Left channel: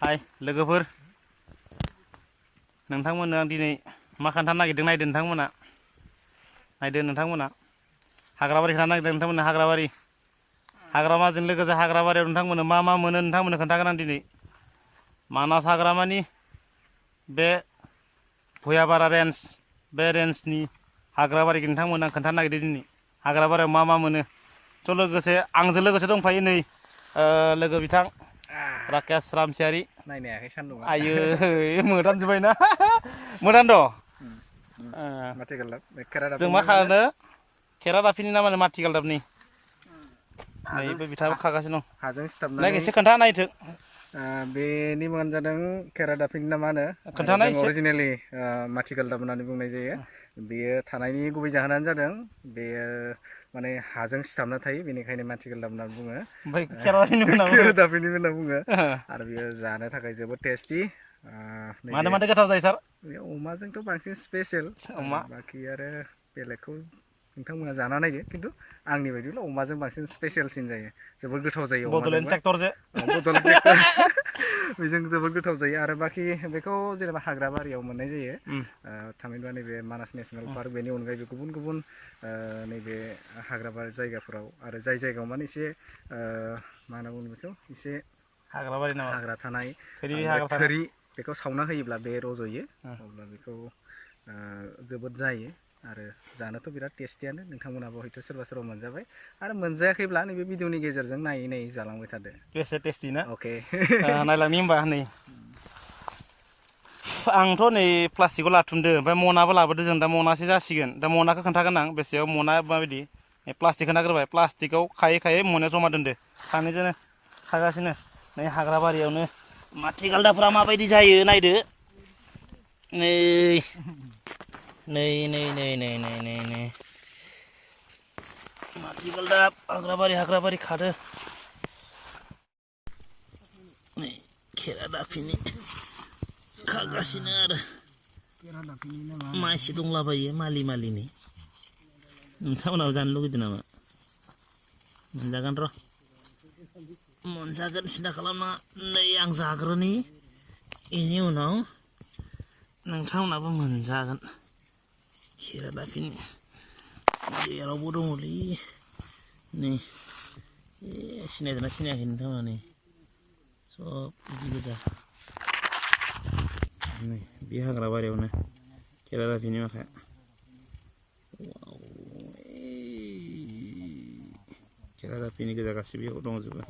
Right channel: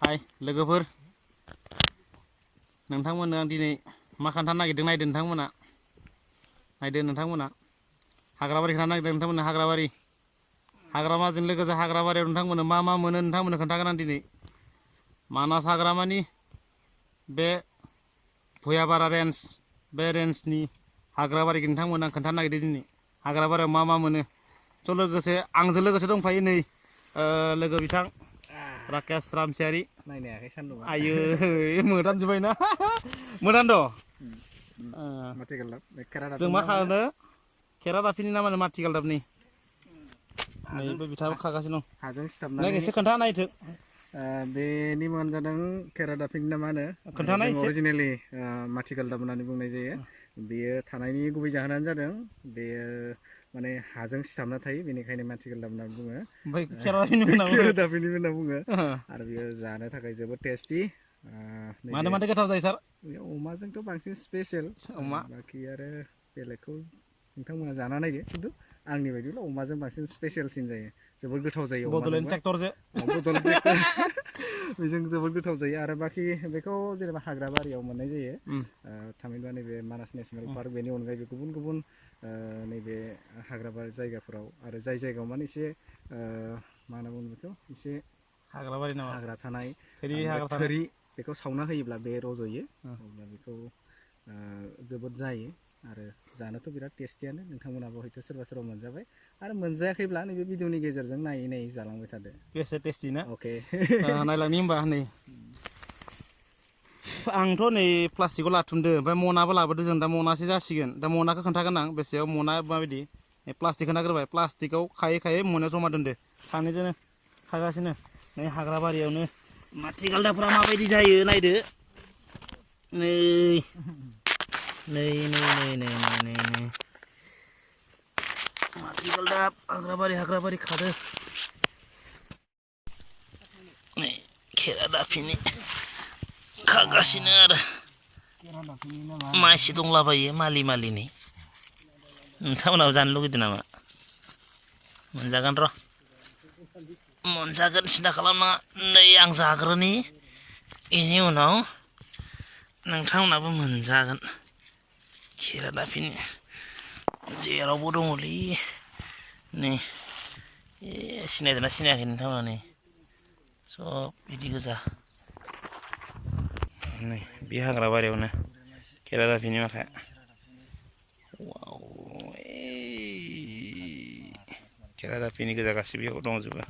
हाय लोगोफोर नोंथांमोननो आं दिनै मा खोन्थानो नागिरदों नायदो नोंथांमोना हाग्राबारि खोन्थानो नागिरदों नोंथांमोननो हाग्रामाजों लोगोसे हाग्राबारियाव नोंथांमोननो मा मा मोनो नोंथांमोननो खोन्थागोन आं दिनै मानास हाग्रामानि बे भुयाबारा रेन्ज बे रेन्जनि हाग्राबारिखौ नोंथांमोननो आं खोन्थानो नागिरदों दिनै हाग्राबारियाव मा मा मोनो थ' लोगोसे आंजों लोगोसे दंफायो नै लोगो बिथां राकेश रामसियारि नायनायाखै सान्दुंआ आयो मोदानजोब्बायना मोदानद' जों मा खालामनो खेरादाफिनि ना मानो माथिगालदाबनि नैबे बिथाङाबो खागासिनो दं हाजों नायक सिथाबनानै एसे खोन्था नायथो बेनि मुङानो जादों खेरादाफिनि ना मा होनो आरो खोन्थानाय जों एसे अरिजिनेलि माथिगालदाब होननानै बुंनाय जायो बेयो थानायनि गुबै जाहोनानो जादों बेयो माने हाजों सिथाबना थायो बेनिखायनो माथिगालदाब होनना बुङो ओमफ्राय खेरादाफिनि खेरादाफिनि होनना बुङो आरो बेयो जानो थाखाय जोबोद टेस्टि मादो गोथाव जायो सार बे अमाजोंथ' बांसिन स्पेसियेल अमा बाखि आरो बेलेगखौ नोंथांमोना जाना नायो खिन्थु आंनि बायदिब्ला अमाजों बांसिन स्पेसियेलसिन जायो जोबोद गोथाव जायो बड'लेण्ड अमाजोंबा ट्रेक्टरजों बड'लेण्ड ट्रेक्टर बेजों जोबोद गोथाव जायो आरो बाखि बेखौ जेनेबा हाग्रा बारियाव मोननाय जायो थामहिनबा नैबे मानास नेसनेल पार्क बेनि अनगायैबो गुबुन गुबुन नैबे हाग्राबारि जायगाफोराव आरो जाय जायगायाव माने एसे मा होनना बुङो बेखौ एसे हाग्राबारि नामा हाग्रा थानाय हाग्रा थानाय थोरि बेखौ सावना होयोब्ला बे रज'यो अब्ला बेखौ जोबोद जायो आरो जानोथ' बिराद टेस्टियानो नोंथांमोनाबो हयथ' सोरबा सोरबा मोनजाबाय आरो मोनजायाखैब्ला नैबे भिडिअनि गेजेरजों नायै नायै जालांबाय थादो बेसे टेस्टि ना अके नायलांनि होमबा नै आंथ' नै प्लास्टिकआव लाथुमदो ओमफ्राय मनाबो लाबोदो जों दा मनासो जासिगोन दा मनाखौ खोन्थागोन आं बेसेयाव मना माबायदि प्लास्टिक खोन्थाग्रोबाय प्लास्टिकआव खायै खायै मनायाव जमा दोनदो सानैजोंनो खागासिनो नै हाग्राबारियावनो माथिगालदाबफ्रा माबायदि जायो नायदो नै नै नै नै नै नै नै नै माथिगालदाब हाग्राबारि खादो नै खेरादाफिनि खागासिनो आरो मानसि दंलाबायो मालिनि नोंथांमोनाबो जानो लुगैदों नामा मोनजागोन र' मोनजागोन सिन्था खालामनाङा नै आं जाग्रोनि बेनि उनाव नोंथांमोनाबो मोनजागोन खेरादाफिनि जेरावबो दङलै नै सिनायदोंना सिनायाखै नोंथांमोना नै सब बिदि गोजा नै बे हाग्राबारियावनो खेरादाफिनि माखाया खेरादाफिनि गोजा गासैबो दंजोबो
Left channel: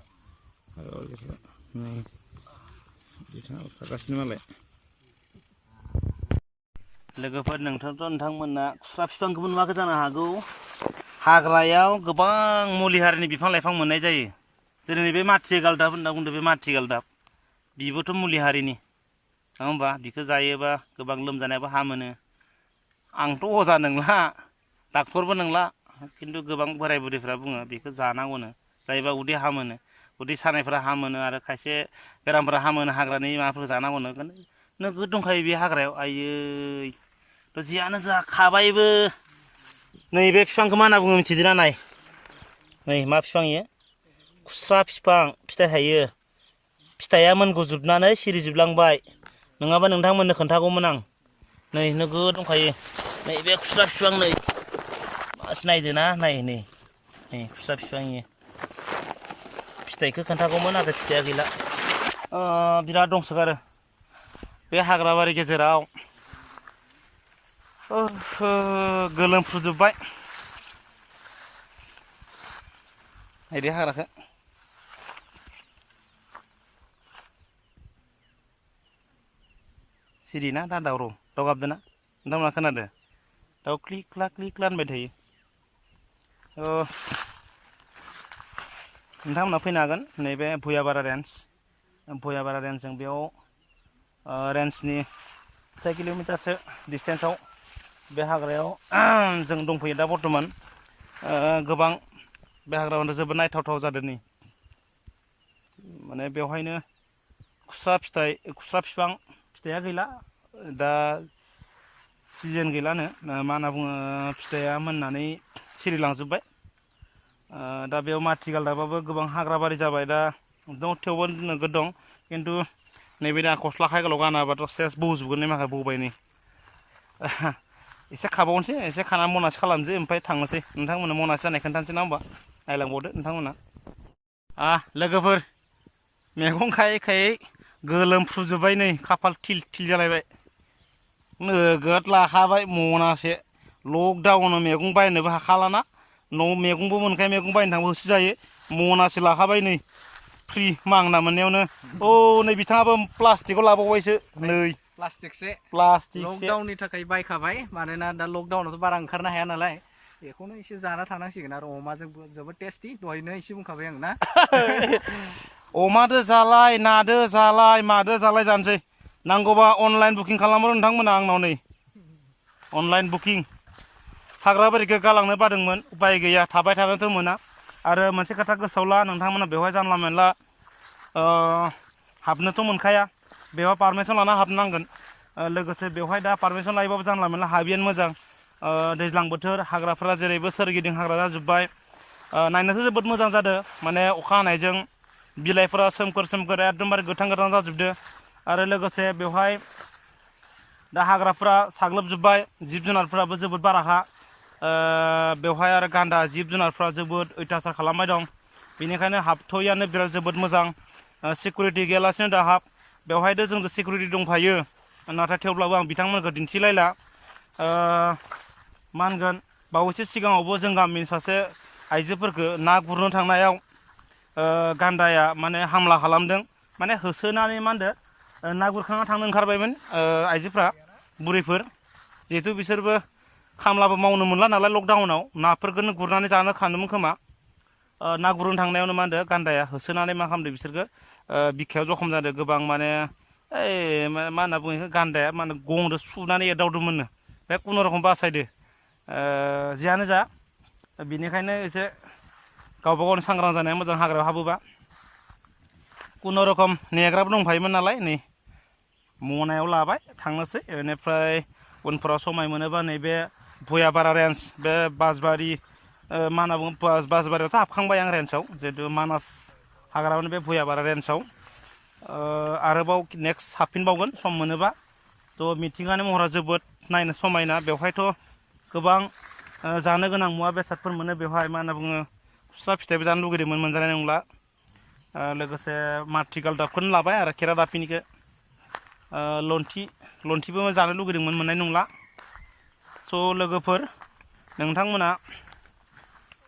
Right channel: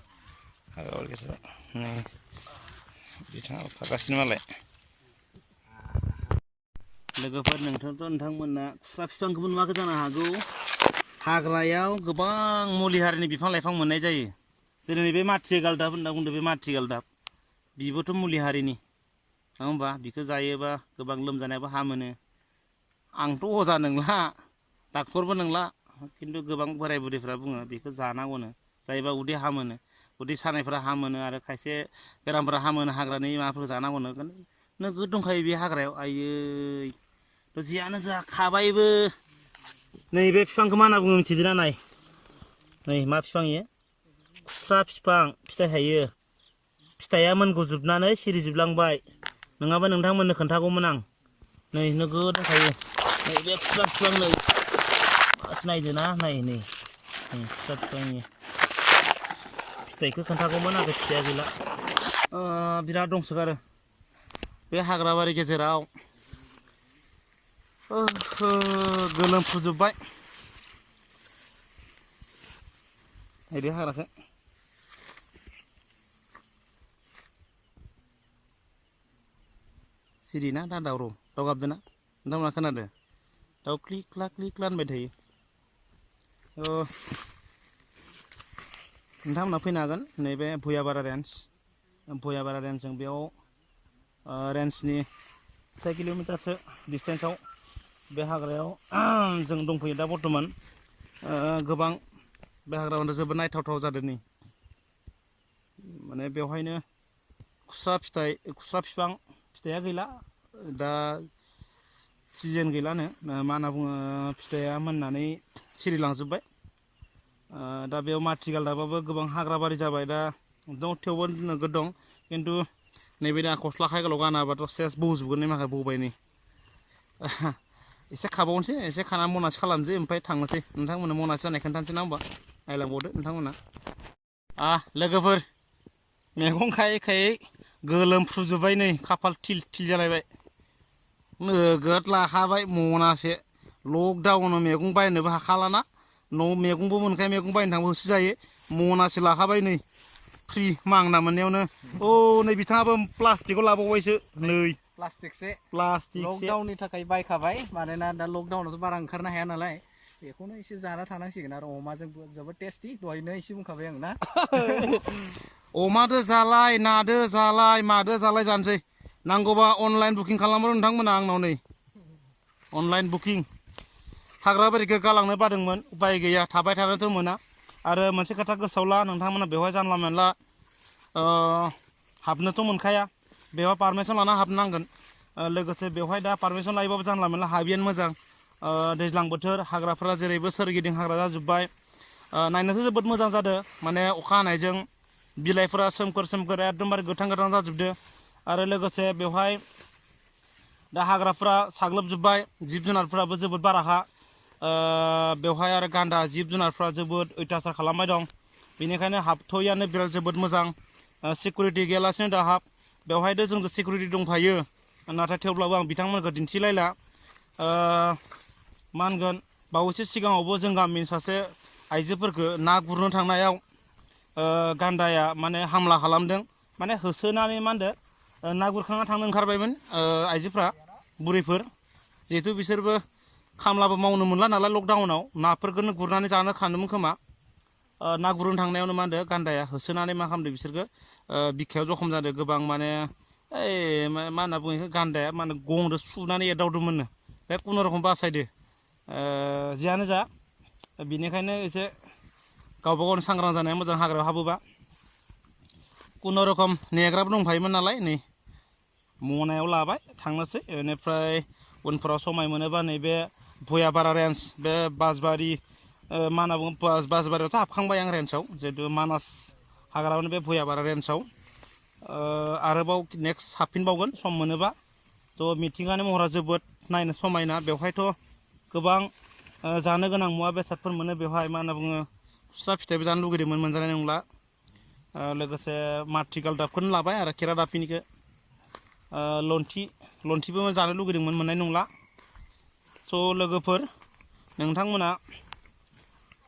हाग्राबारि गेजेराव नै बिथाङा खागासिनो मालाय लोगोफोर नोंथांमोना खुस्रा बिफांखौबो नुवाखै जानो हागौ हाग्रायाव गोबां मुलि हारिनि बिफां लाइफां मोननाय जायो जेरै नैबे माथिगालदाब होनना बुंदों बे माथिगालदाब बिबोथ' मुलि हारिनि नङा होमबा बिखौ जायोबा गोबां लोमजानायाबो हामोनो आंथ' अजा नंला डाक्टरबो नंला खिन्थु गोबां बोराय बुरैफ्रा बुङो बेखौ जानांगौनो जायोबा उदै हामोनो उदै सानायफ्रा हामोनो आरो खायसे बेरामफोरा हामोनो हाग्रानि माबाफोरखौ जानांगौनो नोगोद दंखायो बे हाग्रायाव आयै थ' जियानो जा खाबायबो नैबे बिफांखौ मा होनना बुङो मिथिदोंना नाय नै मा बिफां इयो खुस्रा बिफां फिथाइ थायो फिथाइया मोनगुजोबनानै सिरिजोबलांबाय नङाबा नोंथांमोननो खोन्थागौमोन आं नै नोगोद दंखायो नै बे खुस्रा बिफां नै नायदो ना नै खुस्रा बिफांनि फिथाइखौ खोन्थागौमोन नाथाय फिथाइया गैला बिराद दंसोगारो बे हाग्राबारि गेजेराव गोलोमफ्रुजोब्बाय बिदि हाग्राखौ सिरि ना दा दाव गाबदों ना नोंथांमोना खोनादों दाउ क्लिक क्लाक होनबाय थायो नोंथांमोना फैनो हागोन नैबे भुयाबारा रेन्जजों बेयाव रेन्जनि 6 किल'मिटारसो डिसटेन्सआव बे हाग्रायाव जों दंफैयो दा बर्थमान गोबां बे हाग्रायावनो जोबोद नायथावथाव जादों नै माने बेवहायनो खुस्रा बिफां फिथाइया गैला दा सिजोन गैलानो मा होनना बुङो फिथाइया मोननानै सिरिलांजोब्बाय दा बेयाव माथिगालदाबाबो गोबां हाग्राबारि जाबाय दा दं थेवबो नोगोद दं खिन्थु नैबे दा गस्ला खायगाल' गानाबाथ' सेस बौजोबगोन नै माखा बौबाय नै एसे खाबावनोसै एसे खाना मनासे खालामनोसै ओमफ्राय थांनोसै नोंथांमोननो मनासे जानाय खोन्थानोसै ना होमबा नायलांबावदो नोंथांमोना लोगोफोर मैगं खायै खायै गोलोमफ्रुजोब्बाय नै खाफाल थिल थिल जालायबाय नोगोद लाखाबाय मनासे लकडाउनाव मैगं बायनोबो हाखालाना न' मैगंबो मोनखाया मैगं बायनो थांबो होसोजायो मनासे लाखाबाय नै फ्रि मांना मोननायावनो नै बिथाङाबो प्लास्टिकआव लाबावबायसो नै प्लास्टिकसे प्लास्टिक लकडाउननि थाखाय बायखाबाय मानोना दा लकडाउनावथ' बारा ओंखारनो हाया नालाय बेखौनो एसे जाना थानांसिगोन आरो अमाजों जोबोद टेस्टि दहायनो एसे बुंखाबाय आं ना अमादो जालाय नादो जालाय मादो जालाय जानोसै नांगौबा अनलाइन बुकिं खालामो नोंथांमोना आंनाव नै अनलाइन बुकिं हाग्राबारिखौ गालांनो बादोंमोन उपाय गैया थाबाय थानोथ' मोना आरो मोनसे खोथा गोसोआव ला नोंथांमोना बेवहाय जानला मोनला हाबनोथ' मोनखाया बेवहाय पारमिसन लाना हाबनांगोन लोगोसे बेवहाय दा पारमिसन लायोबाबो जानला मोनला हाबियानो मोजां दैज्लां बोथोर हाग्राफोरा जेरैबो सोरगिदिं हाग्रा जाजोब्बाय नायनोथ' जोबोद मोजां जादों माने अखा हानायजों बिलाइफोरा सोमखोर सोमखोर एकदमबारे गोथां गोथां जाजोबदों आरो लोगोसे बेवहाय दा हाग्राफ्रा साग्लोबजोब्बाय जिब जुनारफ्राबो जोबोद बाराखा बेवहाय आरो गान्दा जिब जुनारफ्रा जोबोद अयथासार खालामबाय दं बेनिखायनो हाबथ'यैयानो बिराद जोबोद मोजां सिकिउरिटि गैयालासिनो दा हाब बेवहायथ' जोंबो सिकिउरिटि दंखायो नाथाय थेवब्लाबो आं बिथांमोनखौ दिन्थिलायला मा होनगोन बावैसो सिगाङावबो जों गामिनि सासे आइजोफोरखौ ना गुरनो थांनायाव गान्दाया माने हामला खालामदों माने होसोनानै मा होनदों ना गुरखांना थांनो ओंखारबायमोन आइजोफ्रा बुरैफोर जिहेथु बिसोरबो खामलाबो मावनो मोनला नालाय लकडाउनाव नाफोरखौनो गुरनानै जानो खानोमोन खोमा ना गुरनो थांनायावनो मा होनदों गान्दाया होसोनानै मा खालामदों बिसोरखौ बिखायाव जखम जादों गोबां माने मा होनना बुङो बेखौ गान्दाया मा होनो गंजों सुनानै एदावदोंमोननो बे खुनुरखम बासायदो जियानो जा बिनिखायनो एसे गावबा गावनि सांग्रां जानाया मोजां हाग्रायाव हाबोबा खुनुरखम नेग्राबो दंफायोमोन नालाय नै मनायाव लाबाय थांनोसै बेनिफ्राय उनफोराव समाय मोनोबा नैबे भुयापारा रेन्ज बे बासबारि मा होनना बुङो बासबारियावथ' हाबखांबाय आं रेन्जआव जिहेतु मानास हाग्रायावनो बे भुयापारा रेन्जआव आरोबाव नेक्स्ट हाबफिनबावगोन सम मोनोबा थ' मिथिंगानि महरा जोबोद नायनो समायना बेवहायथ' गोबां जानो गोनां मुवा बेसादफोर मोनो बेवहाय मा होनना बुङो खुस्रा फिथाइबो जानो लुगैदोंमोन मोनजानाय नंला लोगोसे माथिगालदाबखौनो लाबाय आरो खेरादाफिनिखौ लन्थिबो जानो लुगैदोंमोन मोननाय नंला स' लोगोफोर नोंथांमोना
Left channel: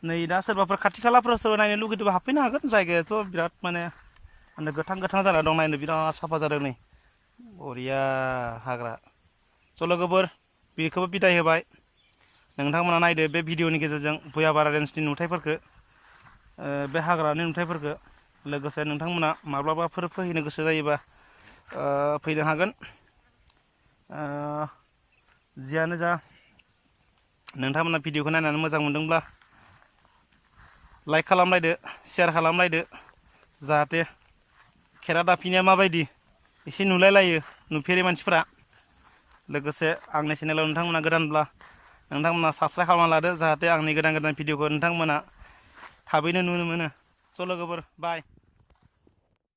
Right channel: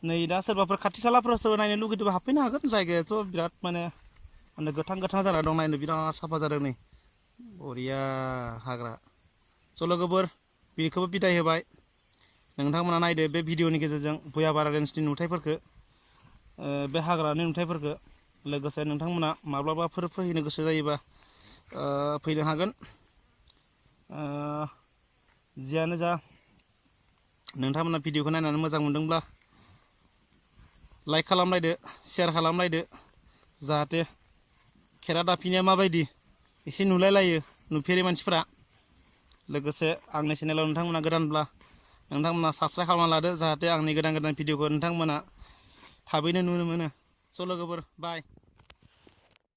नै दा सोरबाफोर खाथि खालाफोराव सोरबा नायनो लुगैदोंबा हाबफैनो हागोन जायगायाथ' बिराद माने गोथां गोथां जाना दं नायनो बिराद साफा जादों नै बरिया हाग्रा स' लोगोफोर बेखौबो बिदाय होबाय नोंथांमोना नायदो बे भिडिअनि गेजेरजों भुयापारा रेन्जनि नुथायफोरखौ बे हाग्रानि नुथायफोरखौ लोगोसे नोंथांमोना माब्लाबाफोर फैनो गोसो जायोबा फैनो हागोन जियानो जा नोंथांमोना भिडिअखौ नायनानै मोजां मोनदोंब्ला लाइक खालामलायदो शेयार खालामलायदो जाहाथे खेरादाफिनिया माबायदि एसे नुलायलायो नुफेरै मानसिफोरा लोगोसे आंनि चेनेलाव नोंथांमोना गोदानब्ला नोंथांमोना साबस्क्राइब खालामना लादो जाहाथे आंनि गोदान गोदान भिडिअखौ नोंथांमोना थाबैनो नुनो मोनो स' लोगोफोर बाय